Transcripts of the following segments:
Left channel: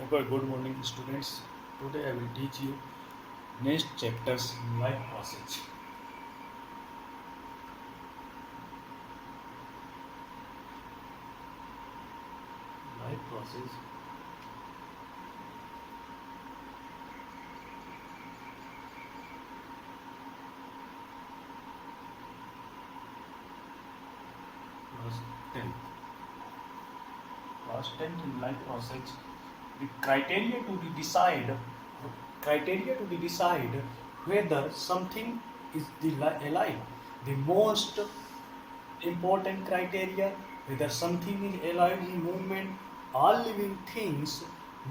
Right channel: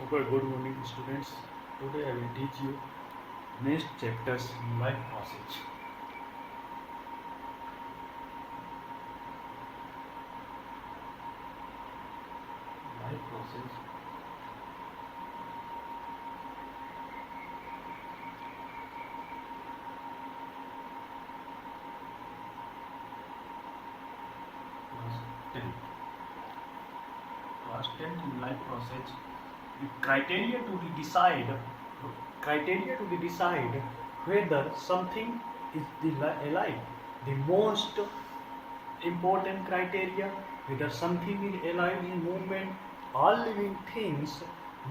Okay, good morning, students. Today I will teach you next chapters in life process. Life process. Class 10. Class 10 in life process. The criteria to be decide whether something is alive. The most important criteria whether something is alive in movement. All living things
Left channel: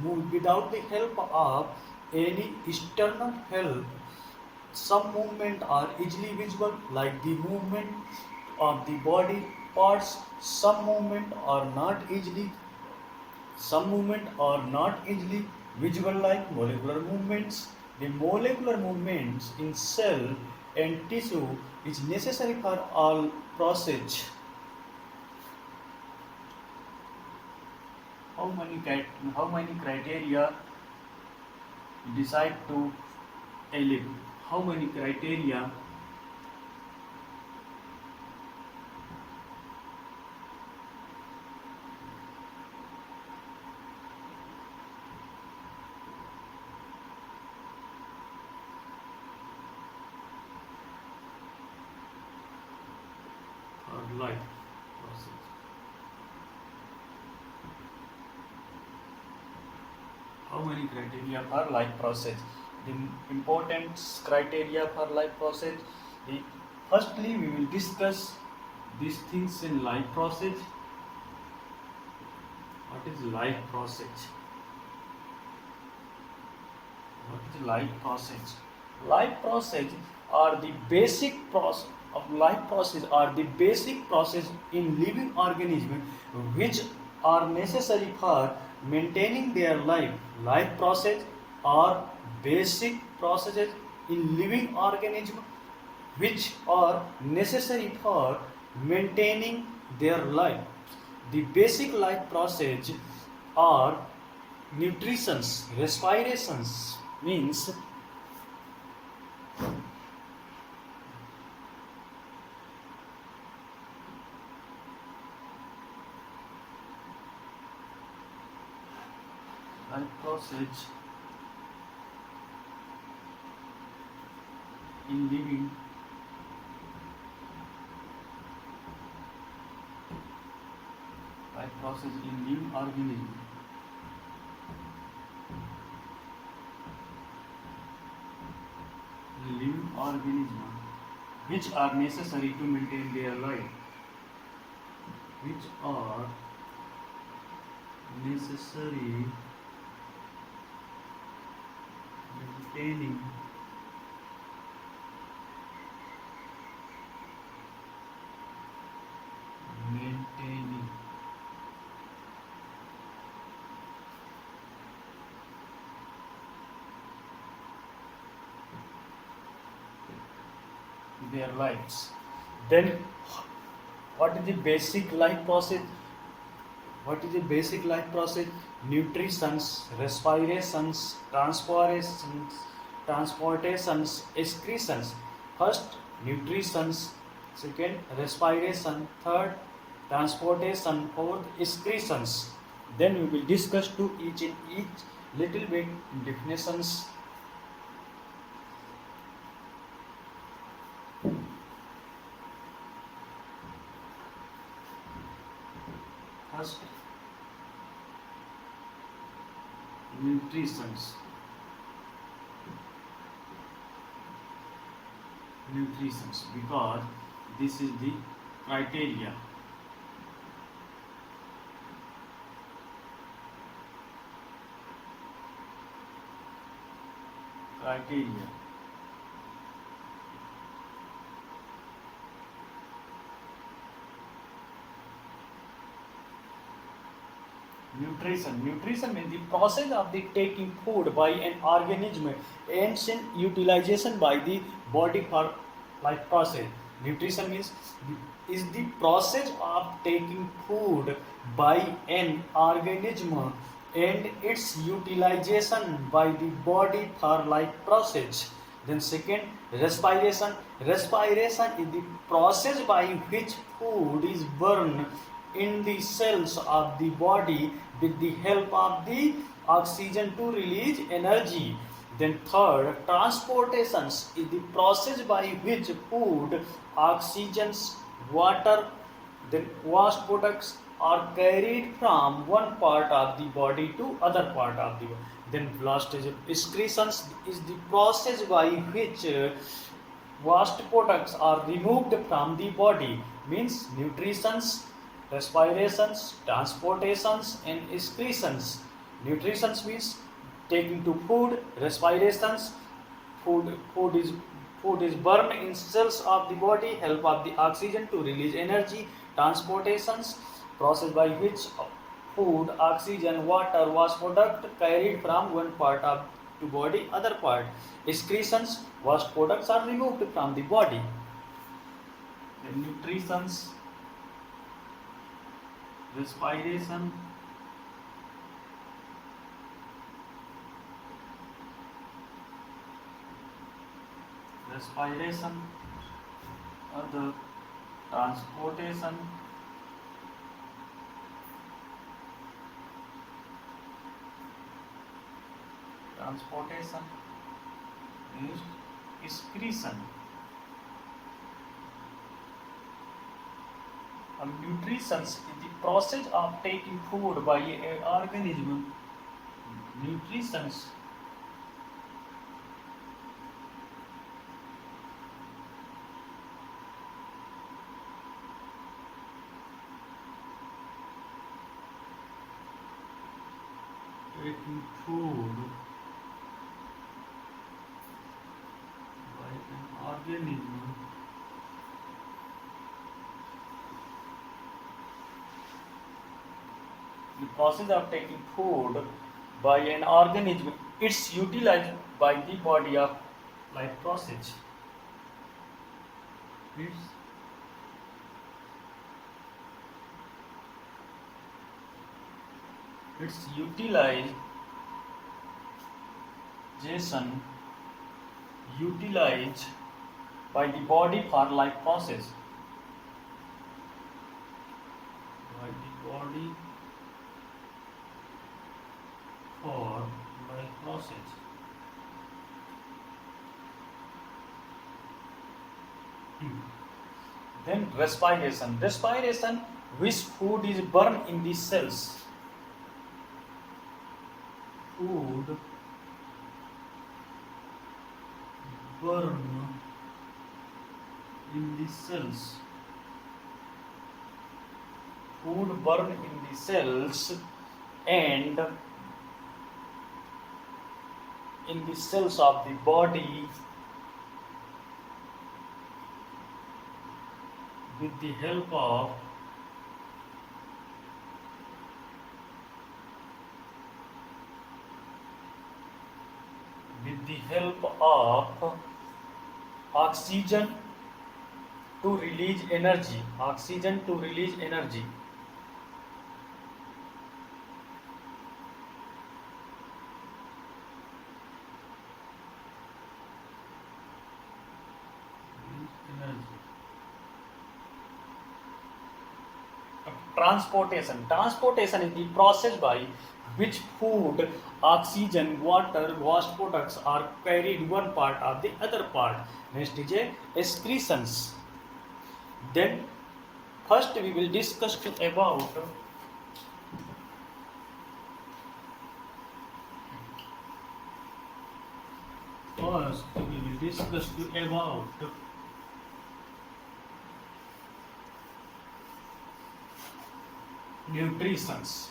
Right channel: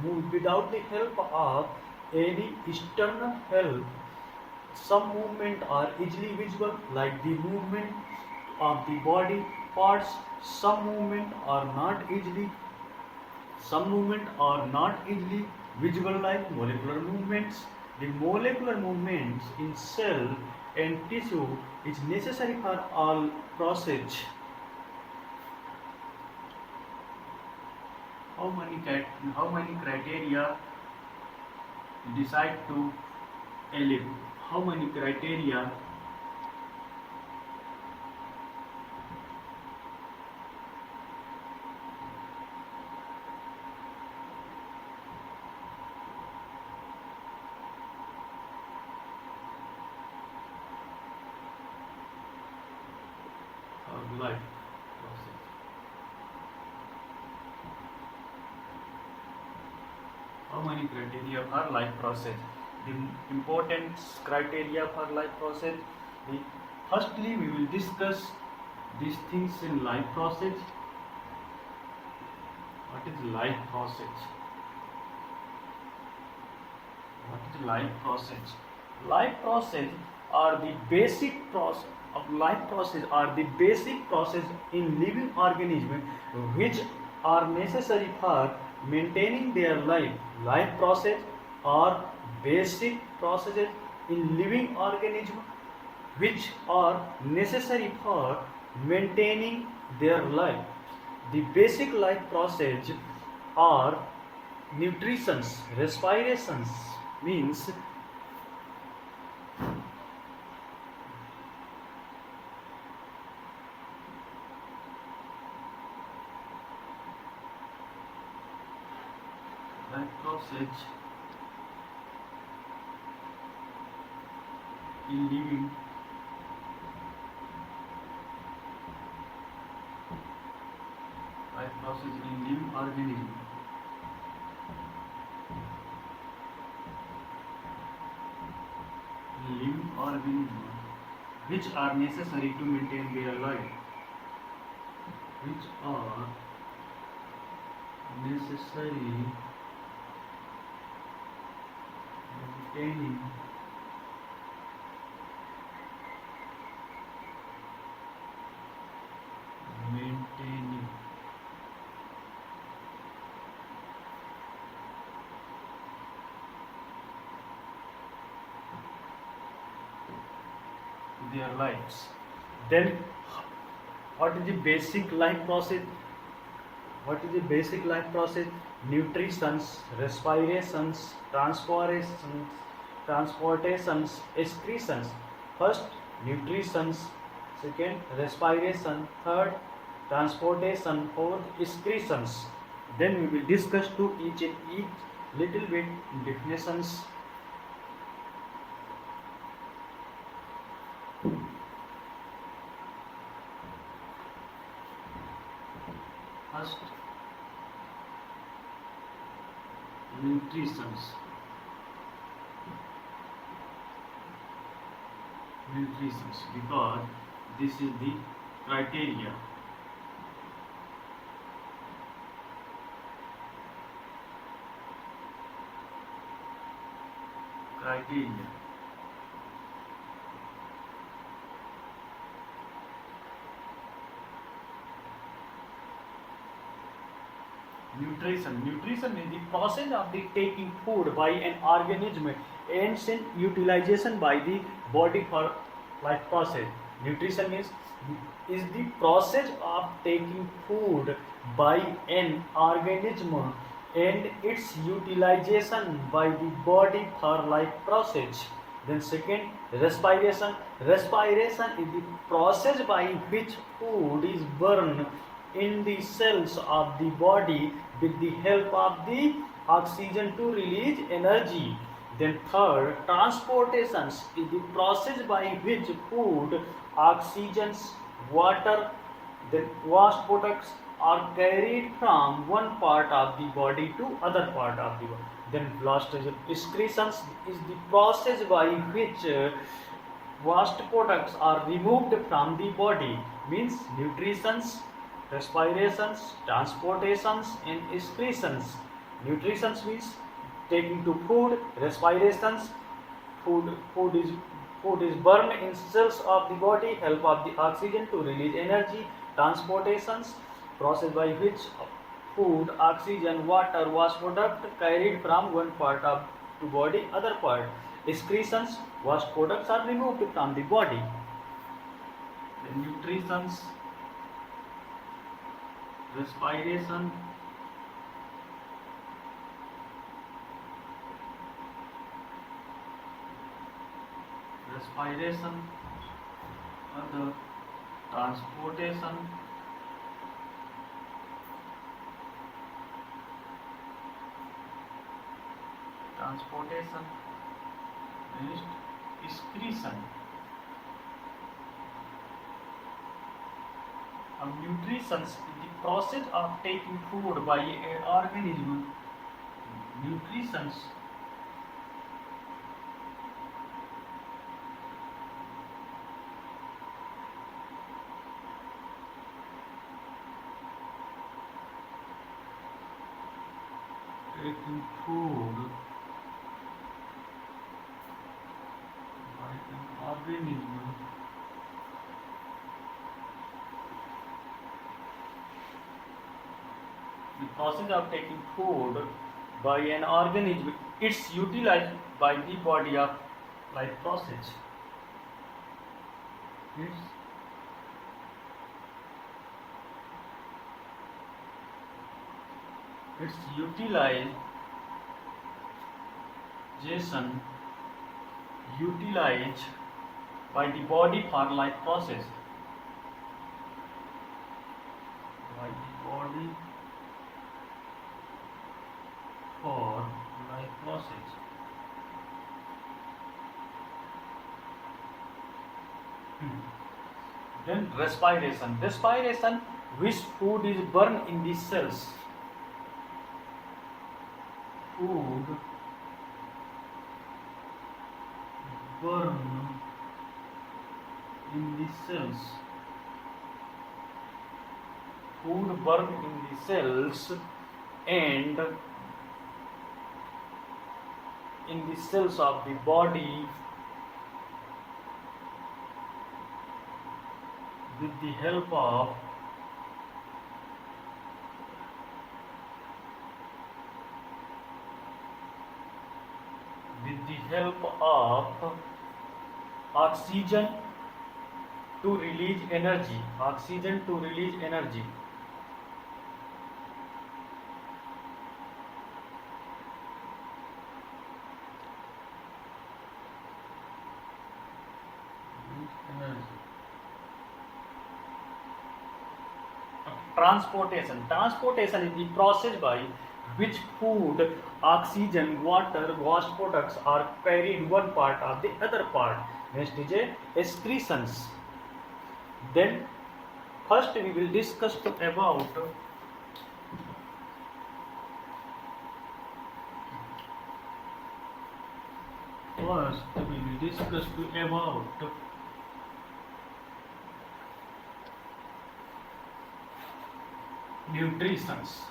move without the help of any external help. Some movements are easily visible, like the movement of the body parts. Some movements are not easily. Some movements are not easily visible, like molecular movements. The molecular movements in cell and tissue is necessary for all process. How many criteria decide to live? How many criteria are life process? How many criteria for life process? The important criteria for life process. The firstly we will discuss these things in life process. What is life process? What is life process? Life process are the basic process of life process are the basic process in living organism which are necessary for maintaining their life. Life process are basic processes in living organism which are necessary for maintaining their life. The basic life process are nutritions, respirations means life process in living life process in living organism which are necessary to maintain their life, which are necessary maintaining maintaining their lives. Then what is the basic life process? What is the basic life process? Nutritions, respirations, transportations, excretions. First, nutritions. Second, respiration. Third, transportation. Fourth, excretions. Then we will discuss to each little bit definitions. First, nutritions. Nutritions, because this is the criteria. Criteria. Nutrition means the process of the taking food by an organism and utilization by the body for life process. Nutrition is the process of taking food by an organism and its utilization by the body for life process. Then second, respiration. Respiration is the process by which food is burned in the cells of the body with the help of the oxygen to release energy. Then third, transportation is the process by which food, oxygen, water, then waste products are carried from one part of the body to other part of the body. Then last is excretions is the process by which waste products are removed from the body. Means nutritions, respirations, transportations, and excretions. Nutritions means taking to food, respirations, food food is burned in cells of the body, help of the oxygen to release energy. Transportations, process by which food, oxygen, water, waste product carried from one part of the body other part. Excretions, waste products are removed from the body. The nutritions, respiration, the transportation, is excretion. Nutrition is the process of taking food by an organism. Nutrition taking food by an organism the process of taking food by an organism, it's utilized by the body of life process. It's utilization utilized by the body for life process. By the body for life process. Then respiration. Respiration, which food is burned in the cells. Food burned in the cells. Food burned in the cells and in the cells of the body with the help of oxygen to release energy. Oxygen to release energy. Transportation. Transportation is the process by which food, oxygen, water, waste products are carried one part of the other part. Next is excretions. Then first we will discuss about nutritions.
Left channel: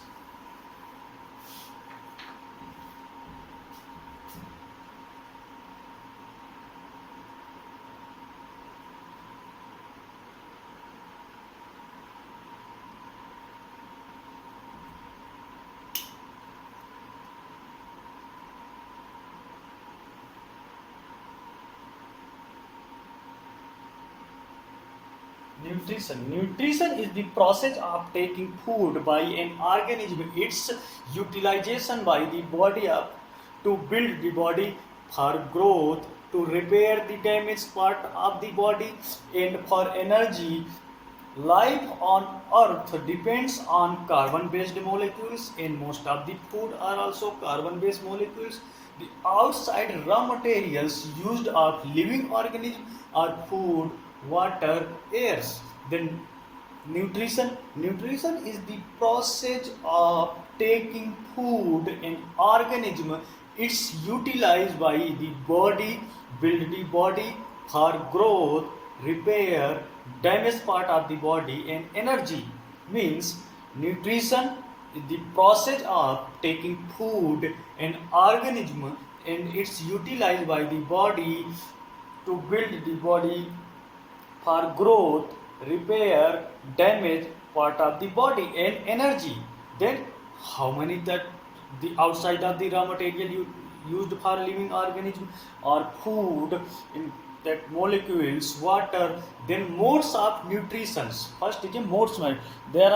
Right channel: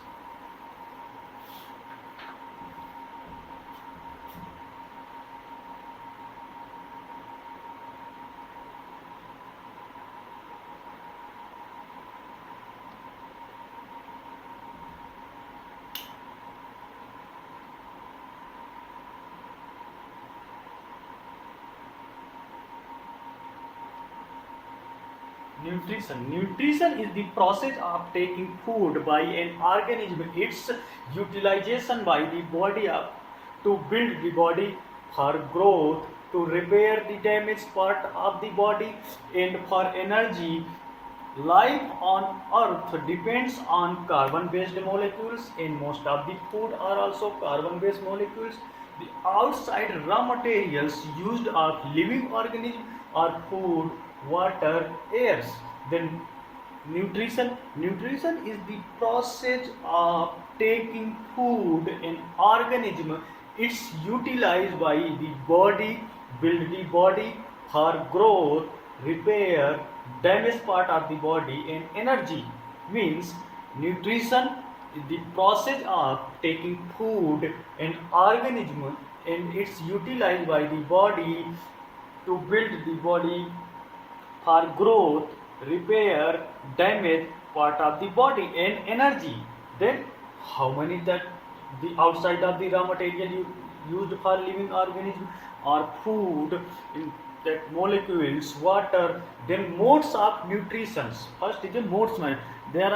Nutrition is the process of taking food by an organism, its utilization by the body to build the body for growth, to repair the damaged part of the body, and for energy. Life on Earth depends on carbon-based molecules, and most of the food are also carbon-based molecules. The outside raw materials used of living organisms are food, water, airs. Then nutrition is the process of taking food and organism. It's utilized by the body, build the body for growth, repair, damaged part of the body, and energy. Means nutrition is the process of taking food and organism, and it's utilized by the body to build the body for growth, repair, damage part of the body, and energy. Then how many that the outside of the raw material used for living organism or food, in that molecules, water. Then modes of nutrition. First is a modes. There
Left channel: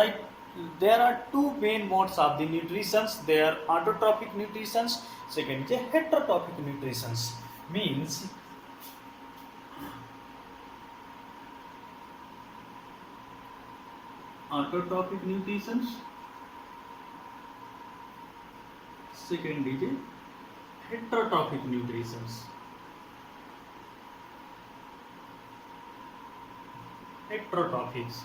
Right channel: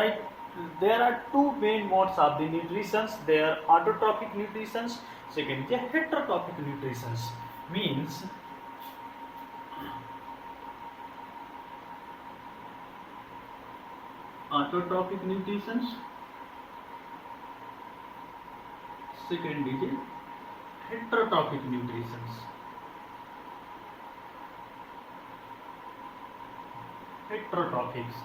are two main modes of the nutritions. They are autotrophic nutritions. Second is a heterotrophic nutritions. Means autotrophic nutritions. Second is a heterotrophic nutritions. Heterotrophics.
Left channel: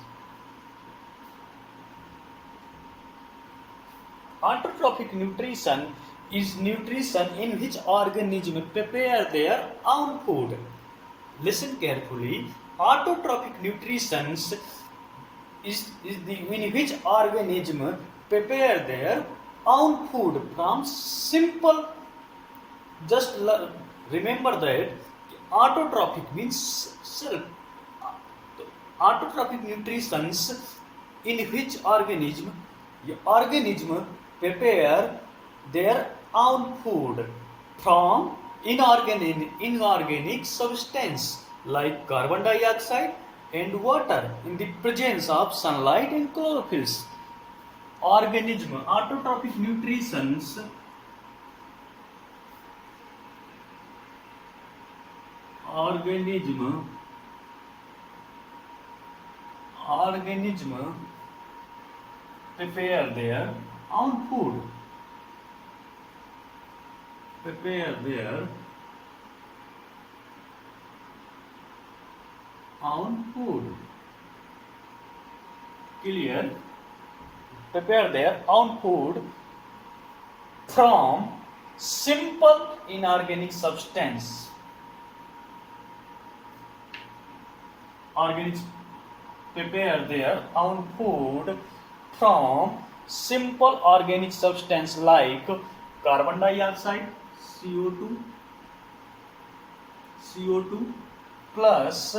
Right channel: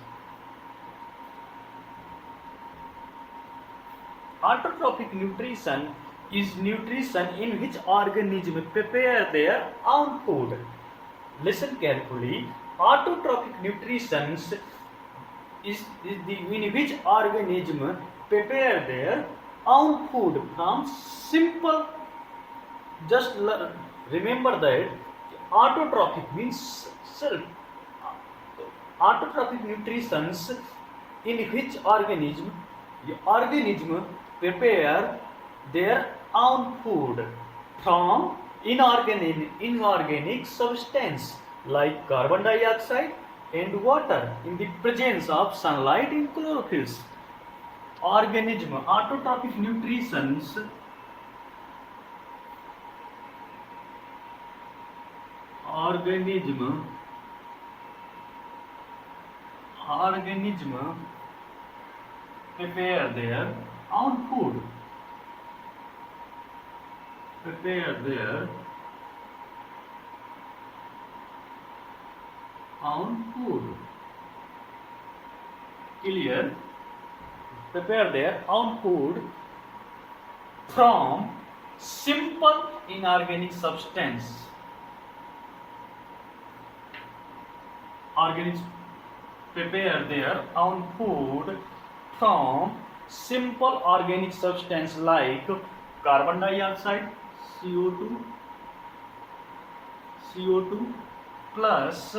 Autotrophic nutrition is nutrition in which organism prepare their own food. Listen carefully. Autotrophic nutrition is the in which organism prepare their own food from simple. Just remember that autotrophic means self. Autotrophic nutrition in which organism prepare their own food from inorganic substance like carbon dioxide and water in the presence of sunlight and chlorophyll. Autotrophic nutrition organism prepare their own food. Prepare their own food. Clear? Prepare their own food from simple inorganic substance. Organisms prepare their own food from simple organic substance like carbon dioxide, CO2 plus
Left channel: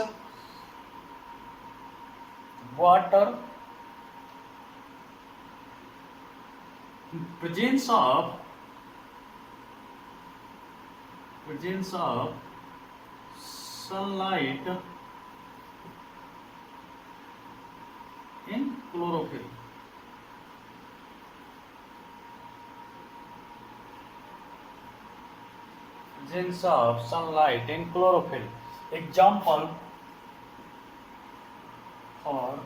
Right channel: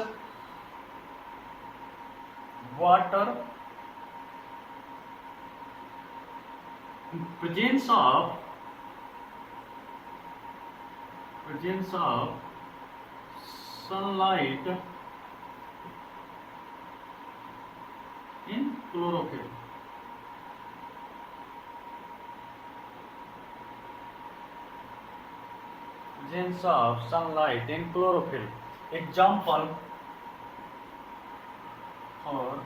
water, presence of sunlight in chlorophyll. Presence of sunlight in chlorophyll. Example for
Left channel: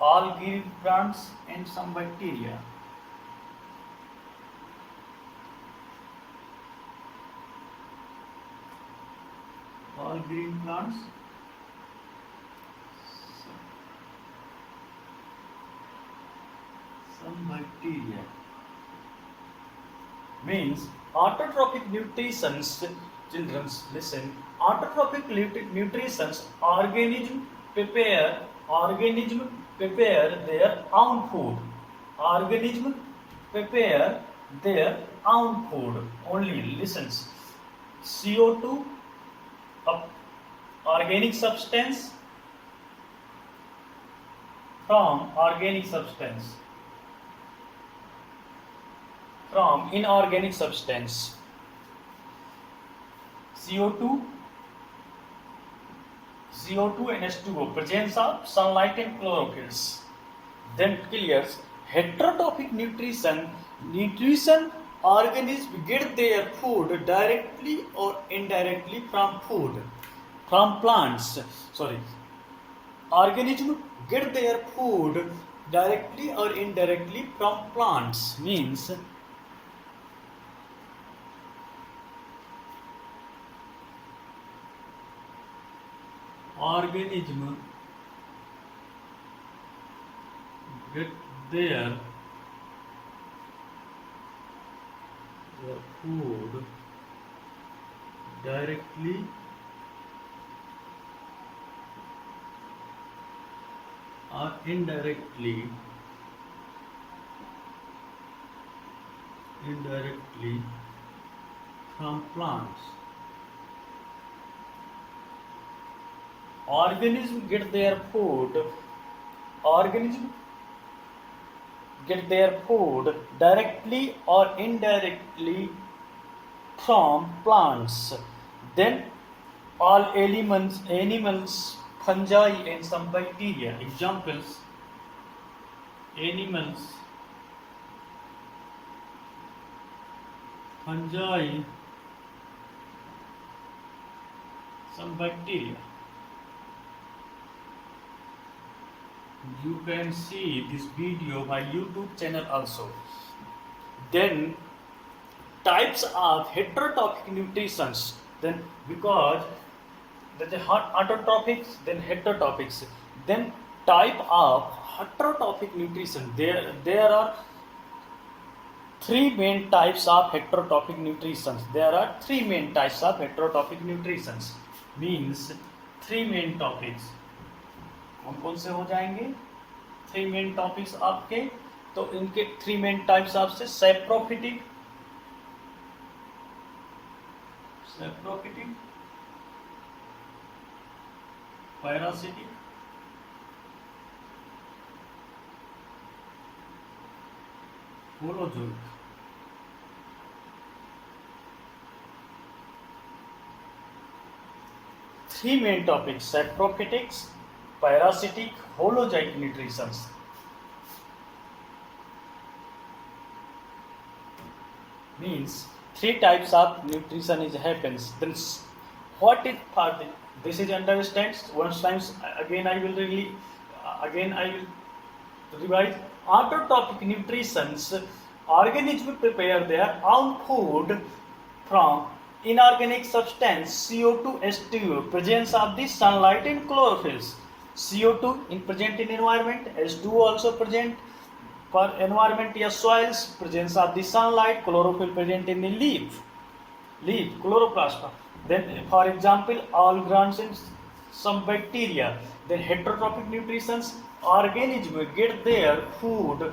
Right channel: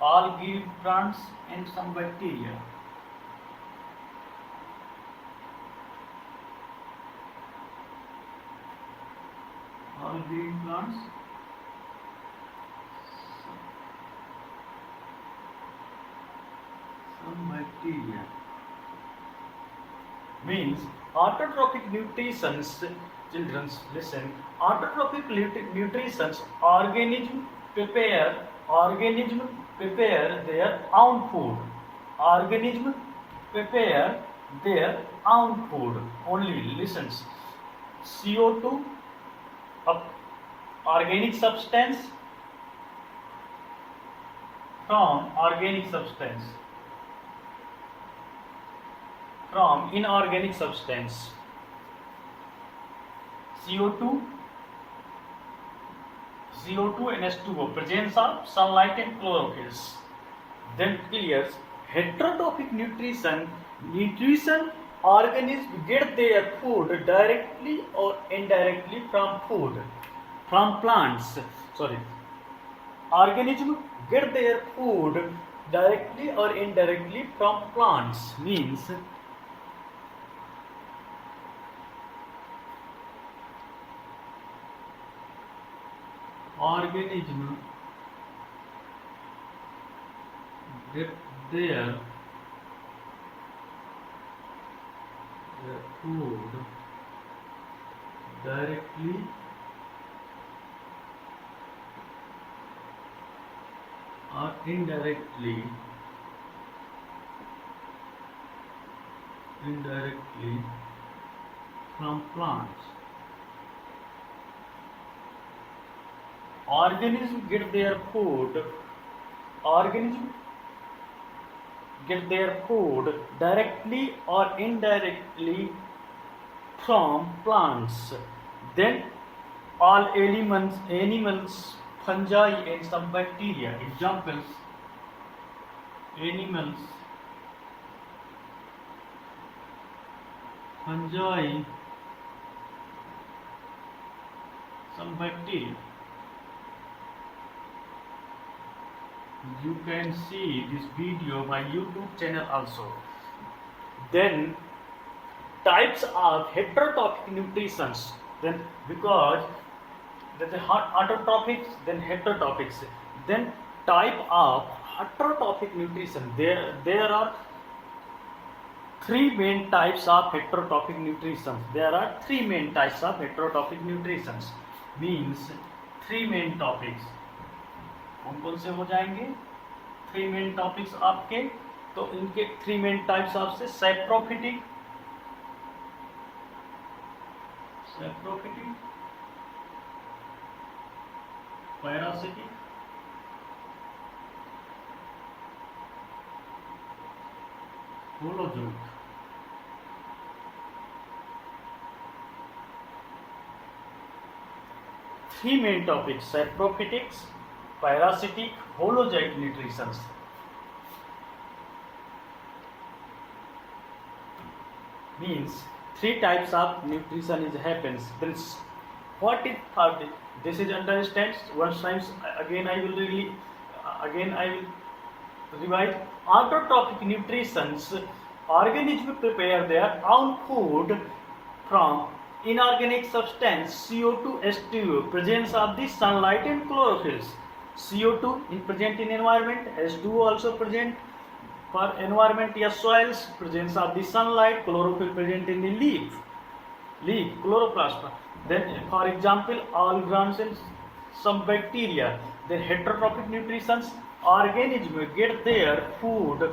all green plants and some bacteria. All green plants, some bacteria. Means autotrophic nutrition, children listen, autotrophic nutrition, organism prepare their own food. Organism prepare their own food. Only listens. CO2, organic substance, from inorganic substance. CO2 CO2 and H2O, presence of sunlight and chlorophylls. Then clears heterotrophic nutrition. Nutrition organisms get their food directly or indirectly from food, from plants. Sorry, organisms get their food directly or indirectly from plants. Means organism get their food directly or indirectly from plants. Organisms get their food directly or indirectly from plants. Then all animals, fungi and some bacteria. Examples: animals, fungi, some bacteria. You can see this video by YouTube channel also. Then types of heterotrophic nutritions. Then because there is autotrophics, then heterotrophics. Then type of heterotrophic nutrition. There are three main types of heterotrophic nutritions. There are three main types of heterotrophic nutritions. Means three main topics. कौन कौन से हो जाएंगे? Three main topics आपके. तो इनके three main types आपसे saprophytic, parasitic, holozoic. Three main topics: saprophytics, parasitic, holozoic nutrition. Means three types of nutrition is happens. Then what is part? This is understand. Once times again I will revise. Autotrophic nutritions. Organisms prepare their own food from inorganic substance CO2, H2O, presence of the sunlight and chlorophylls. CO2 present in environment, H2O also present for environment, yes, soils, presence of the sunlight, chlorophyll present in the leaf, chloroplast. Then for example all grams and some bacteria. Then heterotrophic nutrition, organism get their food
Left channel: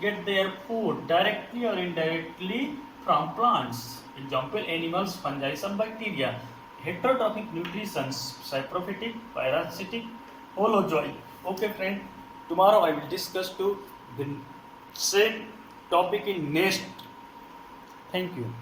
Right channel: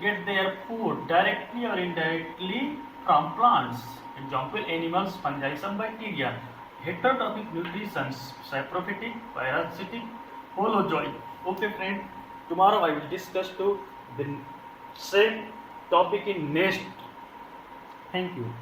get their food directly or indirectly from plants. Example: animals, fungi, some bacteria. Heterotrophic nutrition, saprophytic, parasitic, holozoic. Okay friend, tomorrow I will discuss to the same topic in next. Thank you.